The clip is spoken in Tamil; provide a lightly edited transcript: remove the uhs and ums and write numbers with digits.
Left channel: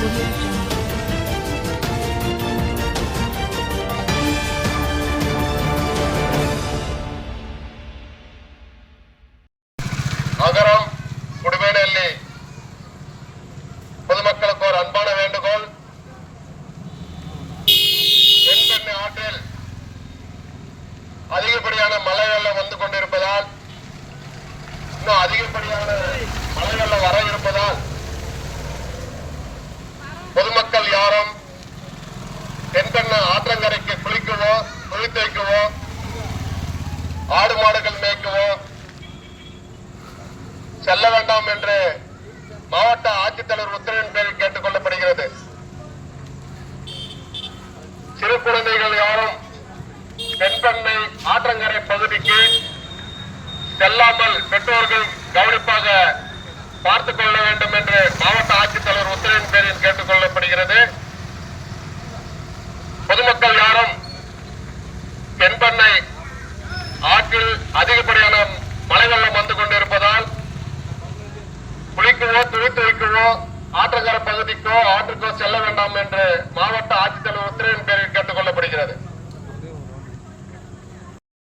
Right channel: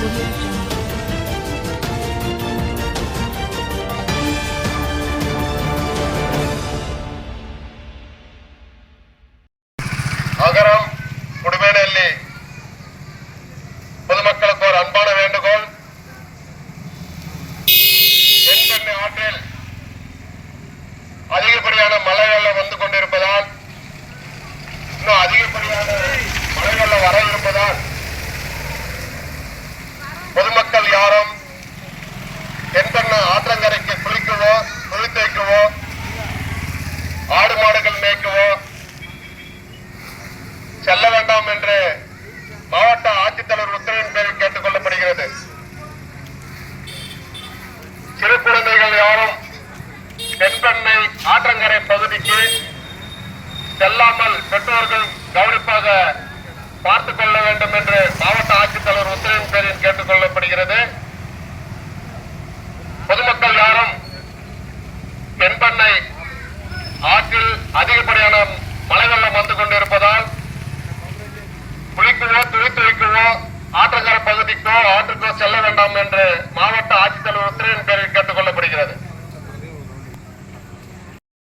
அகரம் குடிமேனல்லி பொதுமக்களுக்கு ஒரு அன்பான வேண்டுகோள். தென்பெண்ணை ஆற்றில் அதிகப்படியான மழை வெள்ளம் வந்து கொண்டிருப்பதால், இன்னும் அதிகப்படியான மழை வெள்ளம் வர இருப்பதால் பொதுமக்கள் யாரும் தென்பெண்ணை ஆற்றங்கரைக்கு குளிக்கவோ குளித்து வைக்கவோ ஆடு மாடுகள் மேய்க்கவோ செல்ல வேண்டாம் என்று மாவட்ட ஆட்சித்தலைவர் உத்தரவின் பேரில் கேட்டுக் கொள்ளப்படுகிறது. சிறு குழந்தைகள் யாரும் தென்பெண்ணை ஆற்றங்கரை பகுதிக்கு செல்லாமல் பெற்றோர்கள் கவனிப்பாக பார்த்துக் கொள்ள வேண்டும் என்று மாவட்ட ஆட்சித்தலைவர் உத்தரவின் பேரில் கேட்டுக் கொள்ளப்படுகிறது. பொதுமக்கள் யாரும் தென்பெண்ணை ஆற்றில் அதிகப்படியான மழை வெள்ளம் வந்து கொண்டிருப்பது